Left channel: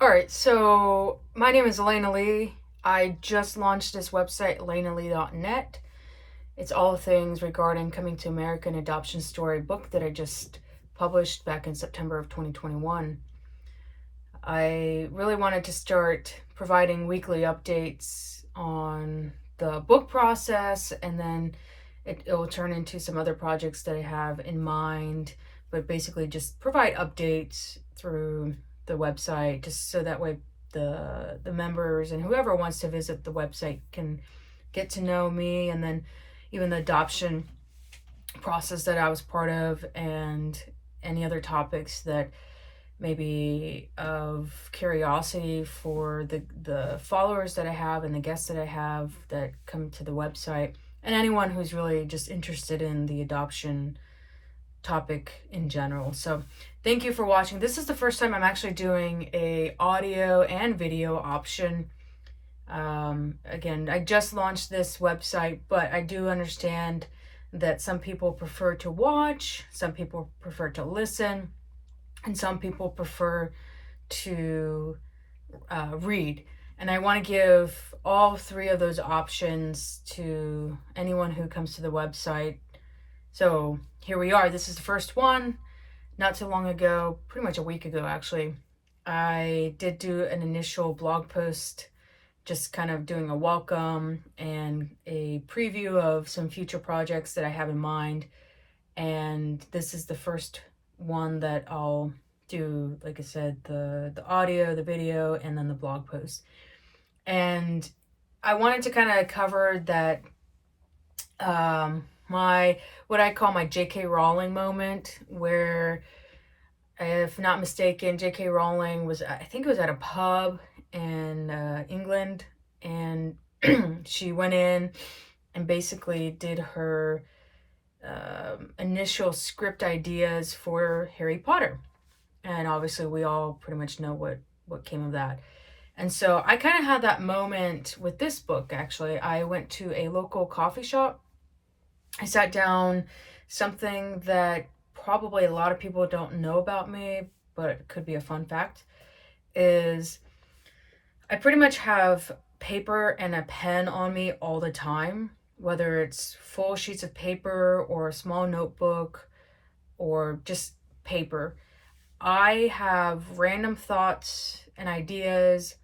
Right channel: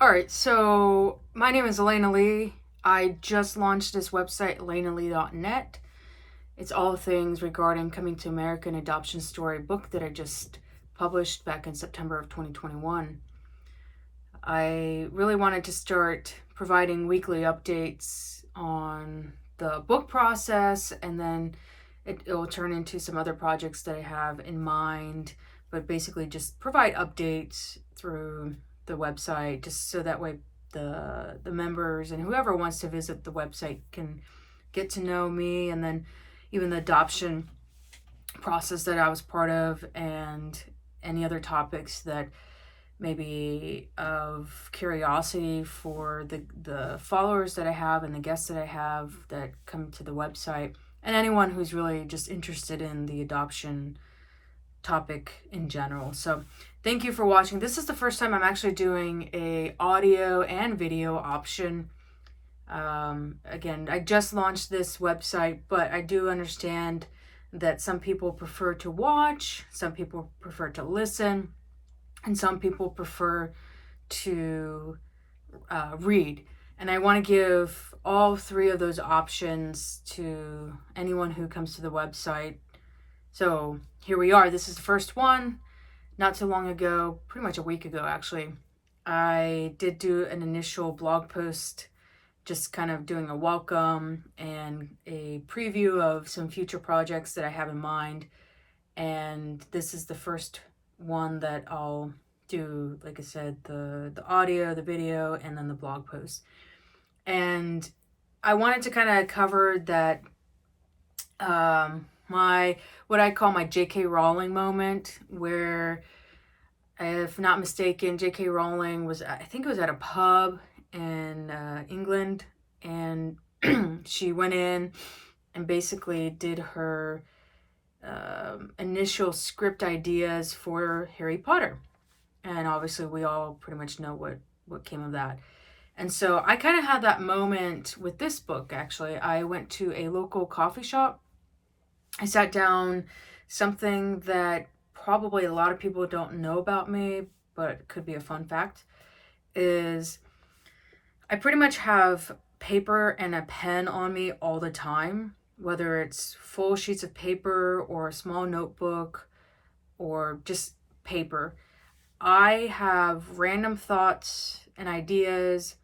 All right, so my name is Elena Lee. I just launched this website, elenalee.net. It's all things regarding Coming to America, an adoption story book that I just published back in September of 2021. I really wanted to start providing weekly updates on the book process, and then it will turn into some other projects that I have in mind, but basically just provide updates through the website just so that way the members and whoever wants to visit the website can get to know me, and then even the adoption process that I was part of, and any other topics that maybe of curiosity for the followers that I have and the guests that I have that come to the website, and anyone who's really just interested in the adoption topic in general. So thank you for watching. This is the first time I'm actually doing a audio and video option. Again, I just launched this website, but I do understand that some people prefer to watch, some people prefer to listen, and some people prefer to read. And I want to give all three of those options to anyone who comes to the website. So here we are. This is the first one. Not too long ago, pretty much a week ago actually, I did do an initial blog post, just kind of doing a welcome and a preview of some future projects that I have in mind. And this is the first one that I'll do, like I said, the audio, the video, and then the blog post. And I wanted to kind of cover that my what I call my JK Rowling moment, where, if not mistaken, JK Rowling was, I think it was at a pub in England, and she went in and basically did her initial script ideas for Harry Potter. And obviously we all pretty much know what came of that. And so I kind of had that moment with this book. Actually, I went to a local coffee shop. I sat down. Something that probably a lot of people don't know about me, but it could be a fun fact, is I pretty much have paper and a pen on me all the time, whether it's full sheets of paper or a small notebook or just paper. I have random thoughts and ideas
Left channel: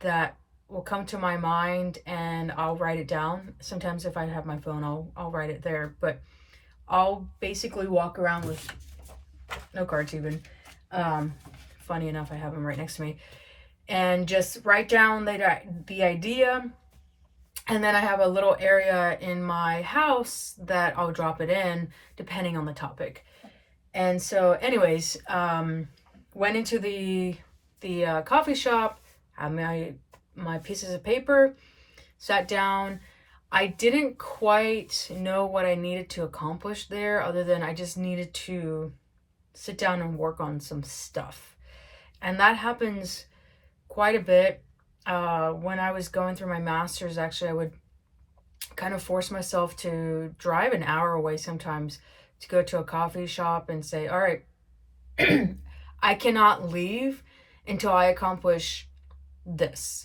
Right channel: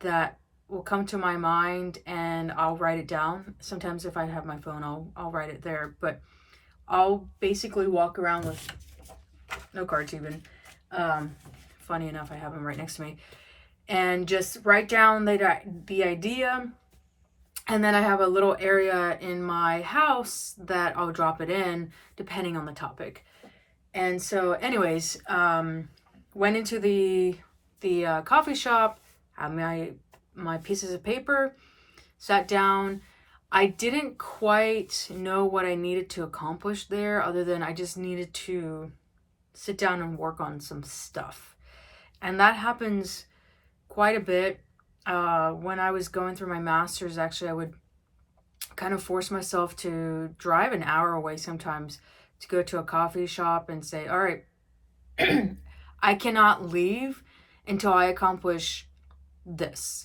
that will come to my mind, and I'll write it down. Sometimes if I have my phone, I'll write it there, but I'll basically walk around with no cards even. Funny enough, I have them right next to me, and just write down the idea. And then I have a little area in my house that I'll drop it in depending on the topic. And so anyways, went into the coffee shop, had my pieces of paper, sat down. I didn't quite know what I needed to accomplish there, other than I just needed to sit down and work on some stuff. And that happens quite a bit. When I was going through my master's, actually, I would kind of force myself to drive an hour away sometimes to go to a coffee shop and say, all right, I cannot leave until I accomplish this.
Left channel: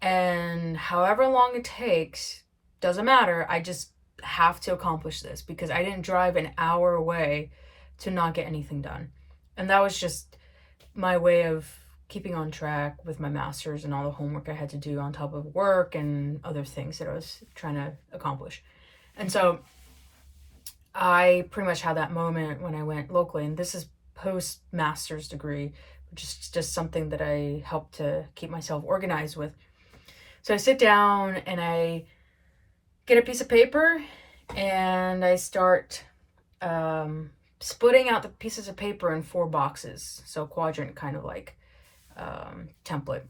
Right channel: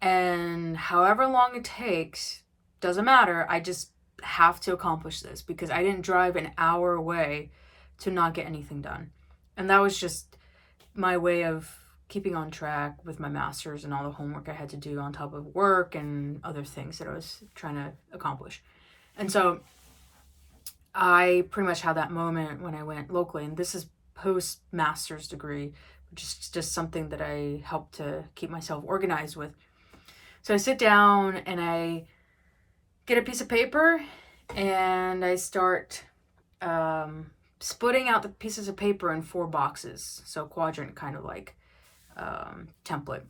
And however long it takes, doesn't matter. I just have to accomplish this because I didn't drive an hour away to not get anything done. And that was just my way of keeping on track with my master's and all the homework I had to do on top of work and other things that I was trying to accomplish. And so I pretty much had that moment when I went locally, and this is post-master's degree, which is just something that I help to keep myself organized with. So I sit down and I get a piece of paper and I start splitting out the pieces of paper in 4 boxes, so quadrant kind of like template.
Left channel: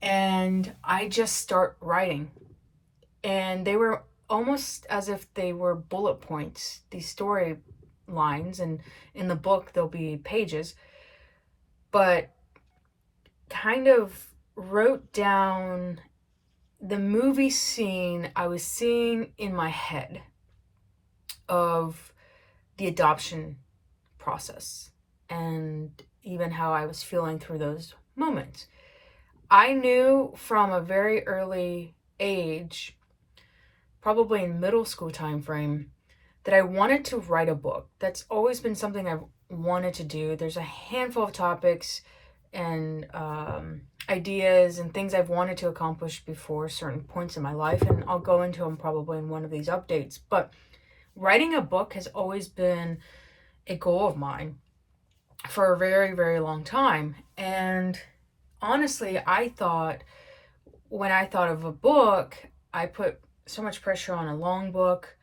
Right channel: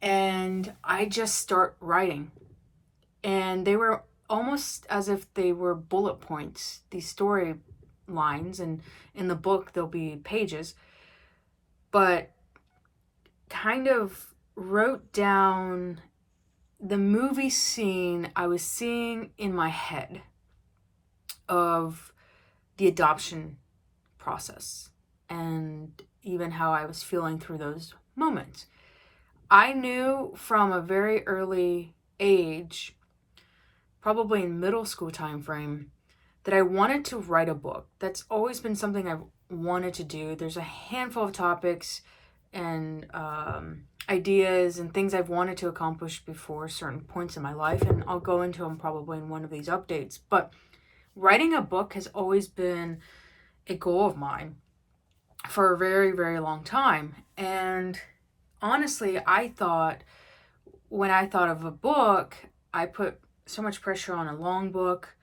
And I just start writing, and they were almost as if they were bullet points, these story lines, and in the book there'll be pages, but kind of wrote down the movie scene I was seeing in my head of the adoption process, and even how I was feeling through those moments. I knew from a very early age, probably in middle school time frame, that I wanted to write a book. That's always been something I've wanted to do. There's a handful of topics and ideas and things I've wanted to accomplish before certain points in my life, and I'll go into them probably in one of these updates. But writing a book has always been a goal of mine for a very, very long time. And honestly, when I thought of a book, I put so much pressure on a long book,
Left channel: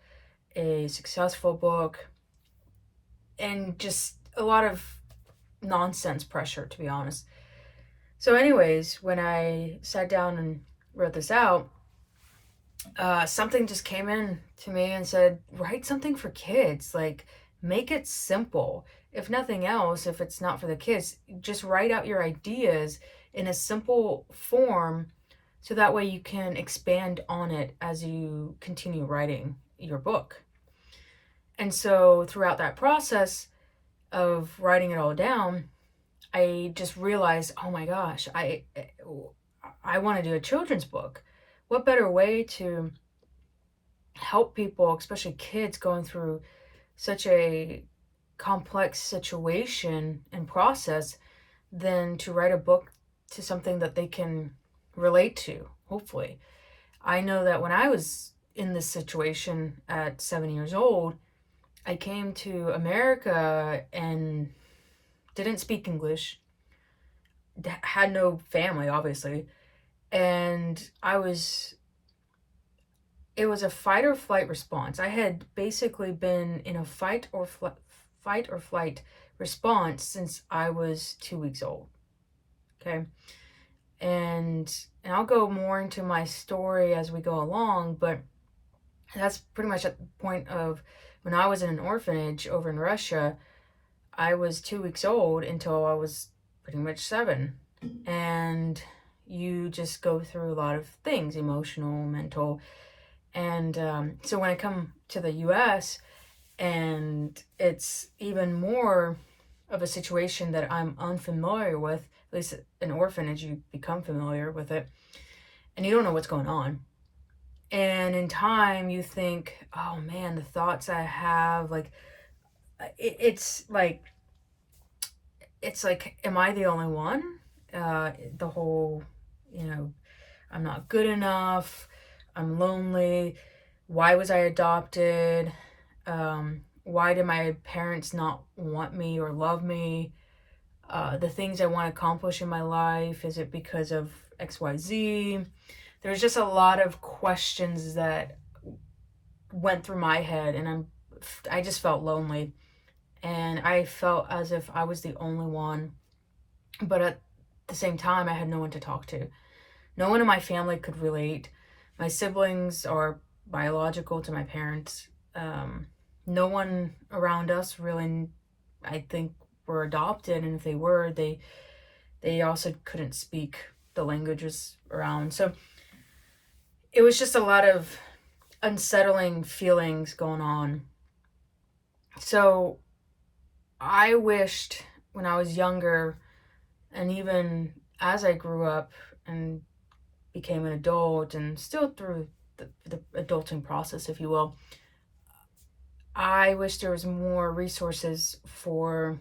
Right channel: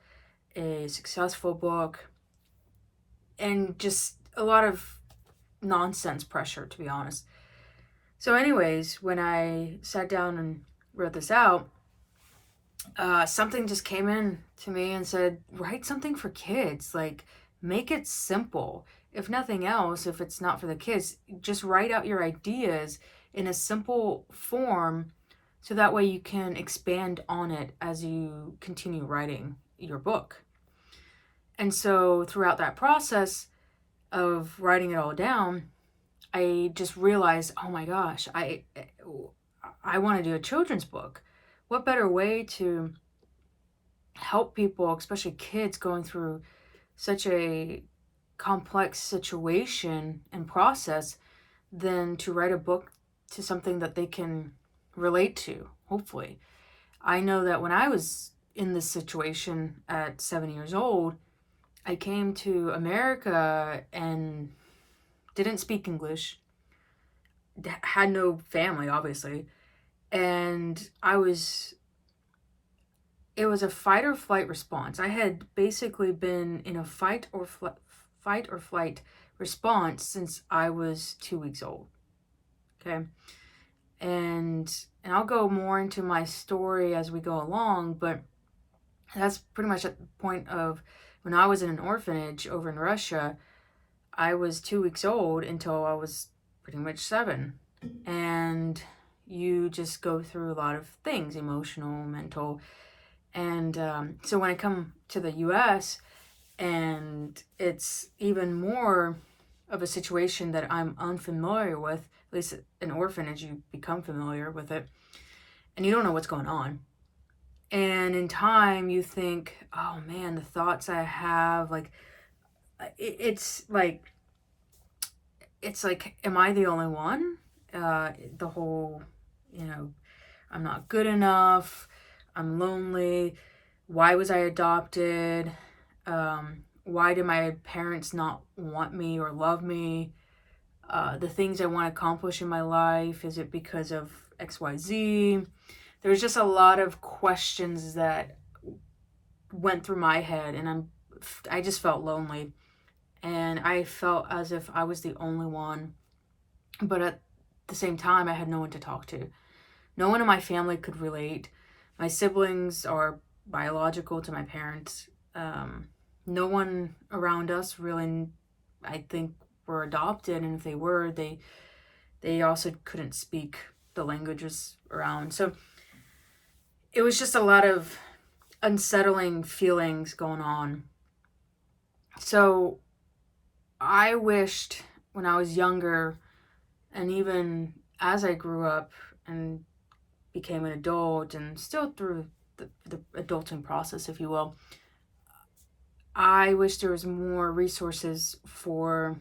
a successful book, and just a lot of nonsense pressure, to be honest. So, anyways, when I sat down and wrote this out, something just came in to me and said, write something for kids. Like, make it simple. If nothing else, if it's not for the kids, just write out your ideas in a simple form so that way you can expand on it as you continue writing your book. And so throughout that process of writing it all down, I just realized, oh my gosh, I want to do a children's book. What better way to help people, especially kids going through such a complex situation and process, than to write a book to something that they can relate to, hopefully. I know that when I was in this situation at 7 years old, I came to America and didn't speak English, had no family, obviously, and it was a fight or flight response. I had basically been in a fight or flight response since I was 2 weeks old. Okay. And I'll go more into my story as we go along, but that's pretty much at the point of when I was in an orphanage over in Russia. I was 2 weeks old until I was pretty much 7. And you just go through a lot of things, emotional, mental. And so when I come to the US, and it's even more of a situation that I'm unfamiliar with, at least an orphanage, you become familiar with it, and you don't know what's going on. And in time, you think, oh man, the thoughts I have, like, it's like, am I the only one? The whole, I'm not good enough, I'm lonely, why was I adopted? Why did my parents not want me or love me? The things I want to accomplish in my life, is it because of XYZ? There's just a lot of questions that went through my head, and I just felt lonely, and I felt as if I was the only one. But at the same time, I had no one to talk to. No one in my family could relate. My siblings are biological to my parents. No one around us really, I think, were adopted, and if they were, they also couldn't speak the languages around. So it was just a lot of unsettling feelings going on. So I wished when I was younger, and even as I grew up and became an adult, and still through the adulting process, if you will, I wish there was more resources for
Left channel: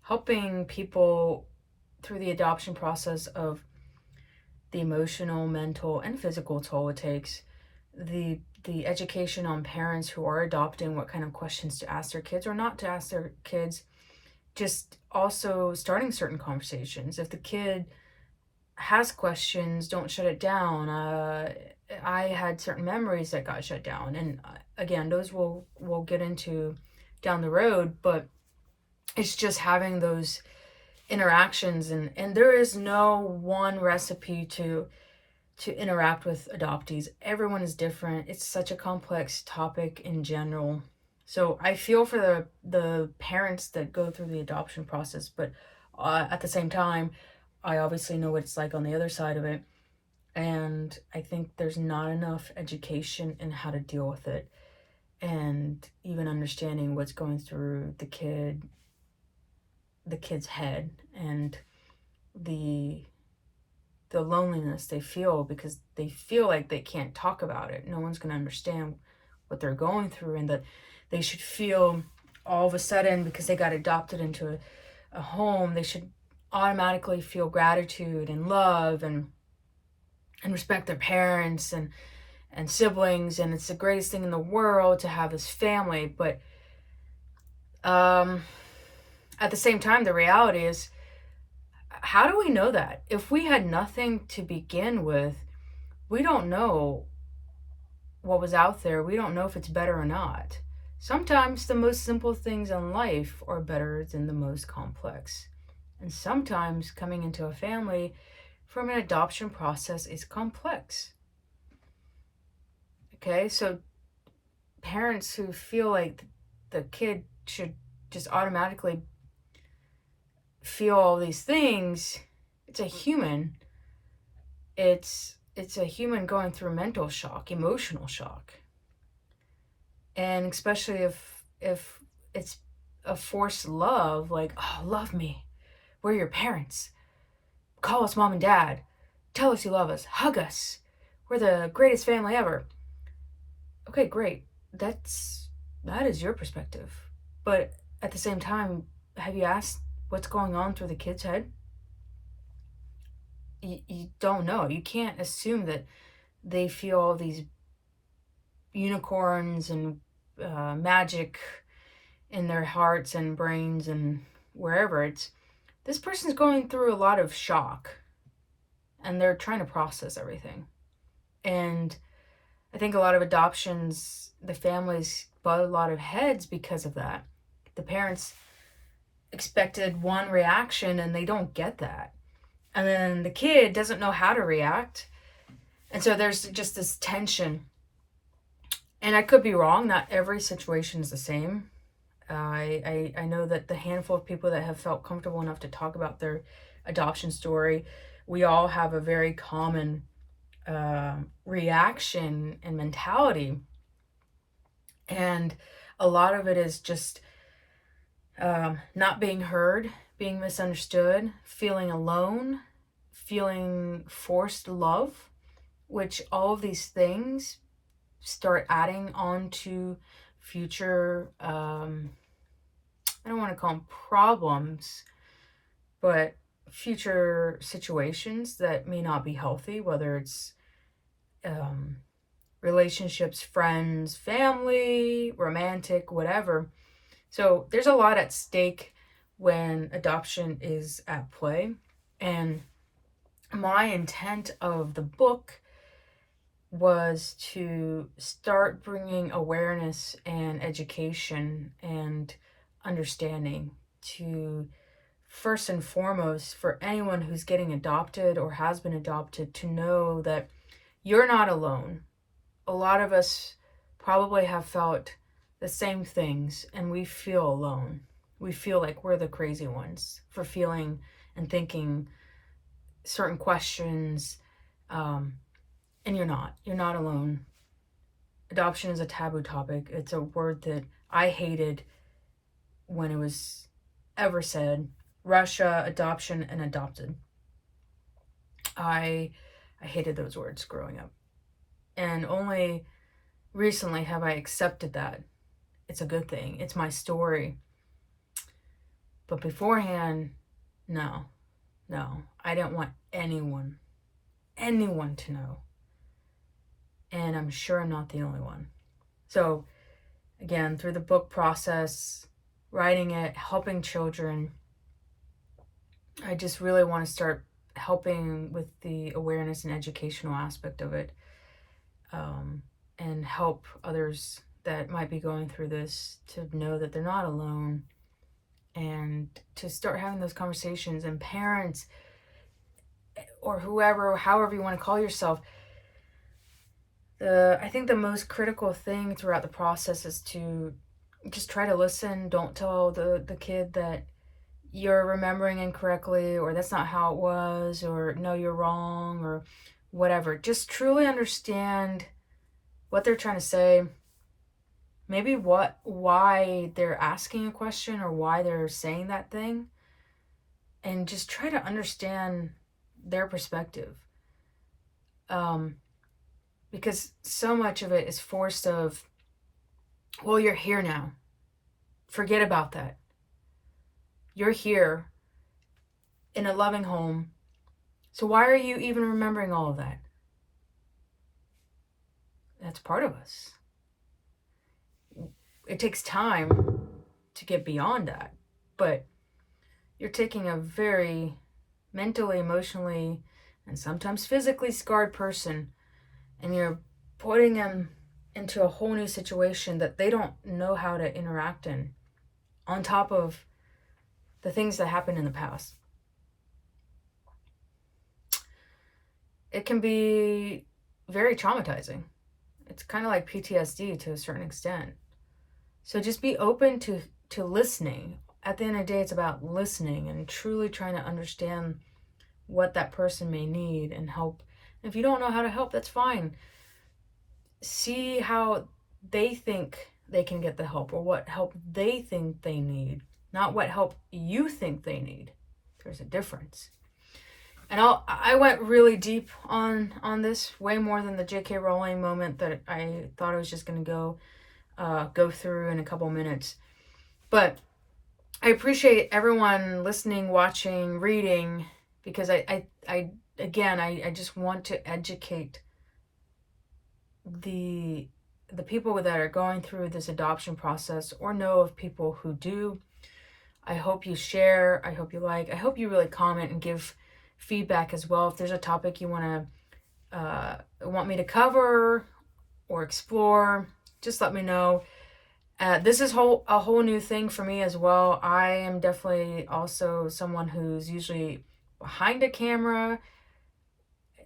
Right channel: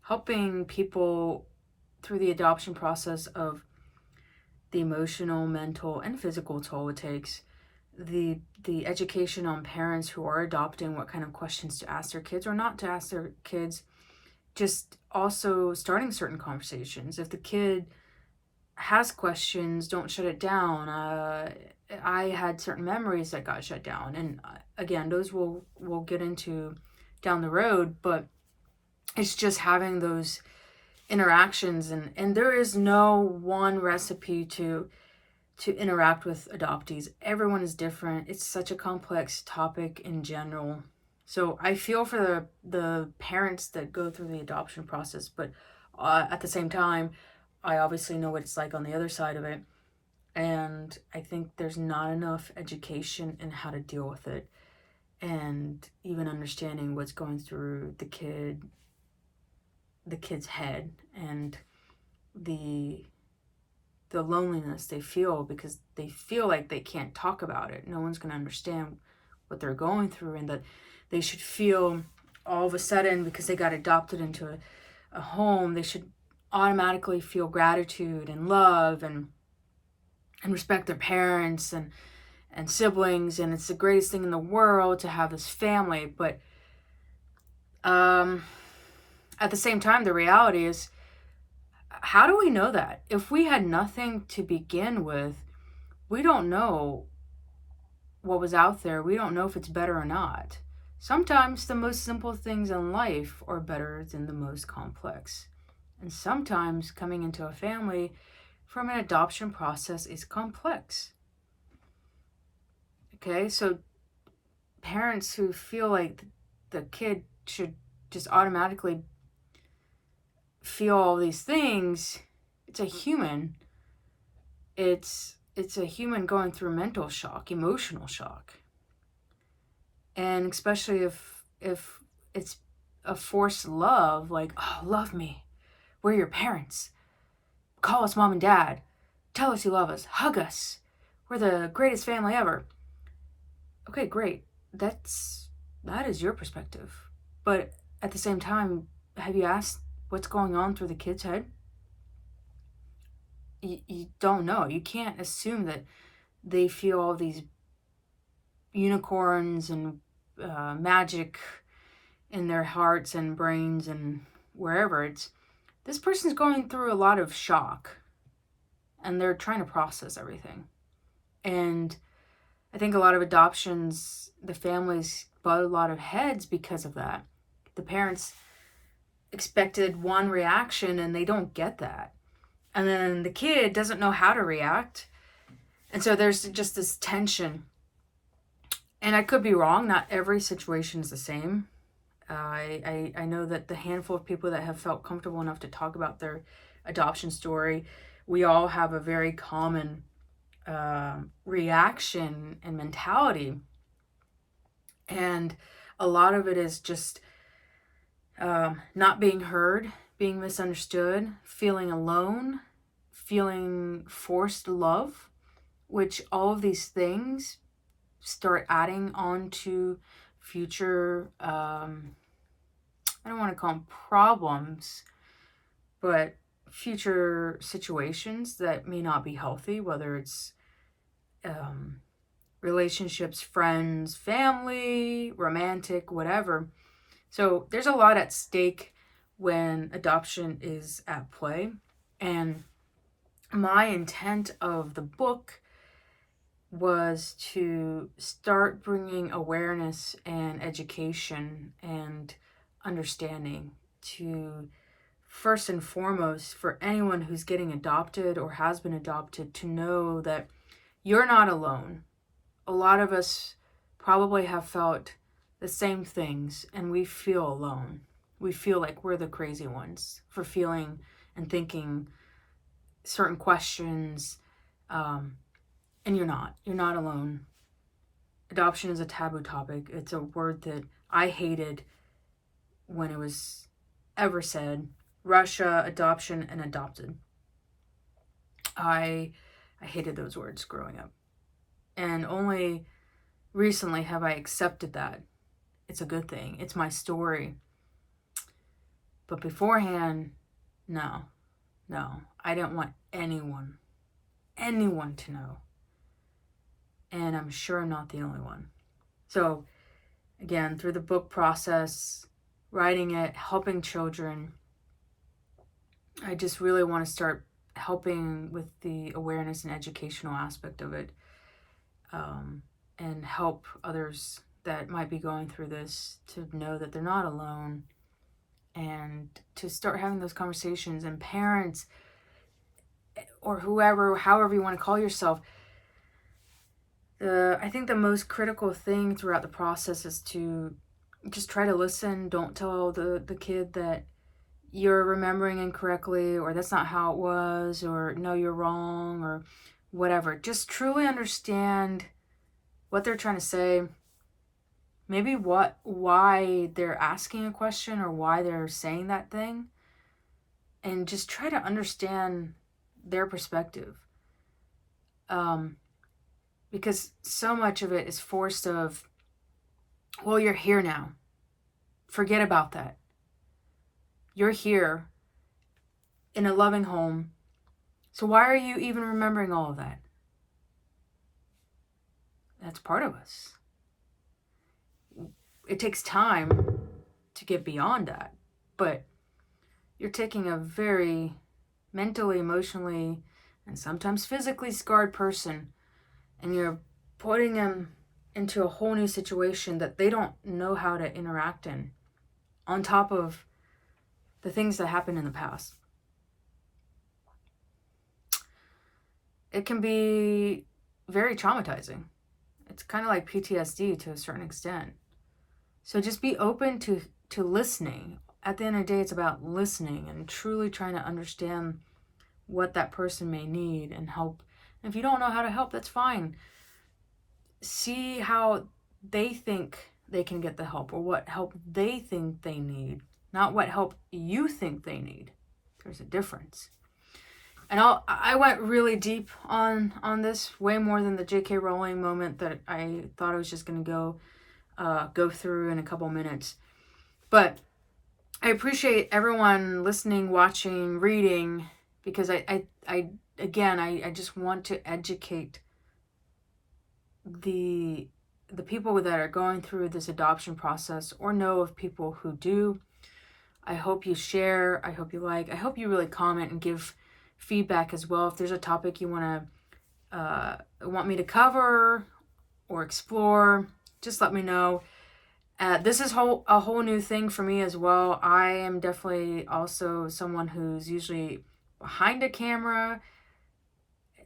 helping people through the adoption process of the emotional, mental, and physical toll it takes, the education on parents who are adopting, what kind of questions to ask their kids or not to ask their kids, just also starting certain conversations. If the kid has questions, don't shut it down. I had certain memories that got shut down, and again, those we'll get into down the road, but it's just having those interactions, and there is no one recipe to interact with adoptees. Everyone is different. It's such a complex topic in general. So I feel for the parents that go through the adoption process, but at the same time, I obviously know what it's like on the other side of it. And I think there's not enough education in how to deal with it, and even understanding what's going through the kid's head. And the loneliness they feel, because they feel like they can't talk about it. No one's going to understand what they're going through, and that they should feel all of a sudden, because they got adopted into a home, they should automatically feel gratitude and love and respect their parents and siblings, and it's the greatest thing in the world to have this family. But at the same time, the reality is, how do we know that? If we had nothing to begin with, we don't know what was out there. We don't know if it's better or not. Sometimes the most simple things in life are better than the most complex. And sometimes coming into a family from an adoption process is complex. Okay, so parents who feel like the kid should just automatically feel all these things, it's a human. It's a human going through mental shock, emotional shock. And especially if it's a forced love, like, oh, love me. We're your parents. Call us mom and dad. Tell us you love us. Hug us. We're the greatest family ever. Okay, great. That is your perspective. But at the same time, have you asked what's going on through the kid's head? You don't know. You can't assume that they feel all these unicorns and magic in their hearts and brains and wherever. It's, this person's going through a lot of shock, and they're trying to process everything. And I think a lot of adoptions, the families butt a lot of heads because of that. The parents expected one reaction and they don't get that. And then the kid doesn't know how to react. And so there's just this tension. And I could be wrong. Not every situation is the same. I know that the handful of people that have felt comfortable enough to talk about their adoption story, we all have a very common reaction and mentality. And a lot of it is just not being heard, being misunderstood, feeling alone, feeling forced love, which all of these things start adding on to future, I don't want to call them problems, but future situations that may not be healthy, whether it's relationships, friends, family, romantic, whatever. So there's a lot at stake when adoption is at play. And my intent of the book was to start bringing awareness and education and understanding to, first and foremost, for anyone who's getting adopted or has been adopted, to know that you're not alone. A lot of us probably have felt the same things, and we feel alone. We feel like we're the crazy ones for feeling and thinking certain questions, and you're not. You're not alone. Adoption is a taboo topic. It's a word that I hated when it was ever said. Russia, adoption, and adopted. I hated those words growing up. And only recently have I accepted that. It's a good thing. It's my story. But beforehand, no. I didn't want anyone to know. And I'm sure I'm not the only one. So, again, through the book process, writing it, helping children, I just really want to start helping with the awareness and educational aspect of it, and help others that might be going through this to know that they're not alone, and to start having those conversations. And parents, or whoever, however you want to call yourself, I think the most critical thing throughout the process is to just try to listen. Don't tell the kid that you're remembering incorrectly, or that's not how it was, or no, you're wrong, or whatever. Just truly understand what they're trying to say. Maybe why they're asking a question or why they're saying that thing. and just try to understand their perspective. Because so much of it is forced of, well, you're here now. Forget about that. You're here in a loving home. So why are you even remembering all of that? That's part of us. It takes time to get beyond that. But you're taking a very mentally, emotionally, and sometimes physically scarred person, and you're putting them into a whole new situation that they don't know how to interact in, on top of the things that happened in the past. It can be very traumatizing. It's kind of like PTSD to a certain extent. So just be open to listening. At the end of the day, it's about listening and truly trying to understand what that person may need and help. If you don't know how to help, that's fine. See how they think they can get the help, or what help they think they need, not what help you think they need. There's a difference. And I went really deep on this, way more than the JK Rowling moment that I thought I was just going to go through in a couple minutes. But I appreciate everyone listening, watching, reading, because I just want to educate the people that are going through this adoption process, or know of people who do. I hope you share. I hope you like. I hope you really comment and give feedback as well. If there's a topic you want me to cover or explore, just let me know. This is a whole new thing for me as well. I am definitely also someone who's usually behind a camera,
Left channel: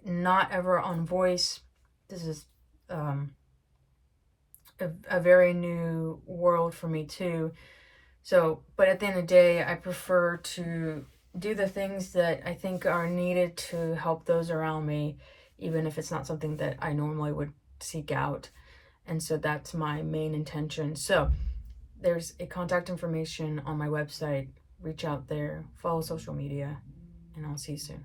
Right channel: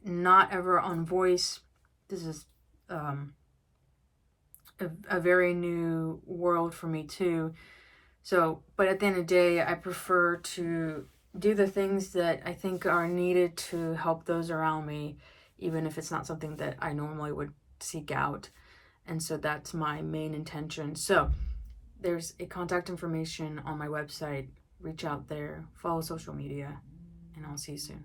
not ever on voice. This is a very new world for me too. So, but at the end of the day, I prefer to do the things that I think are needed to help those around me, even if it's not something that I normally would seek out. And so that's my main intention. So there's a contact information on my website. Reach out there, follow social media, and I'll see you soon.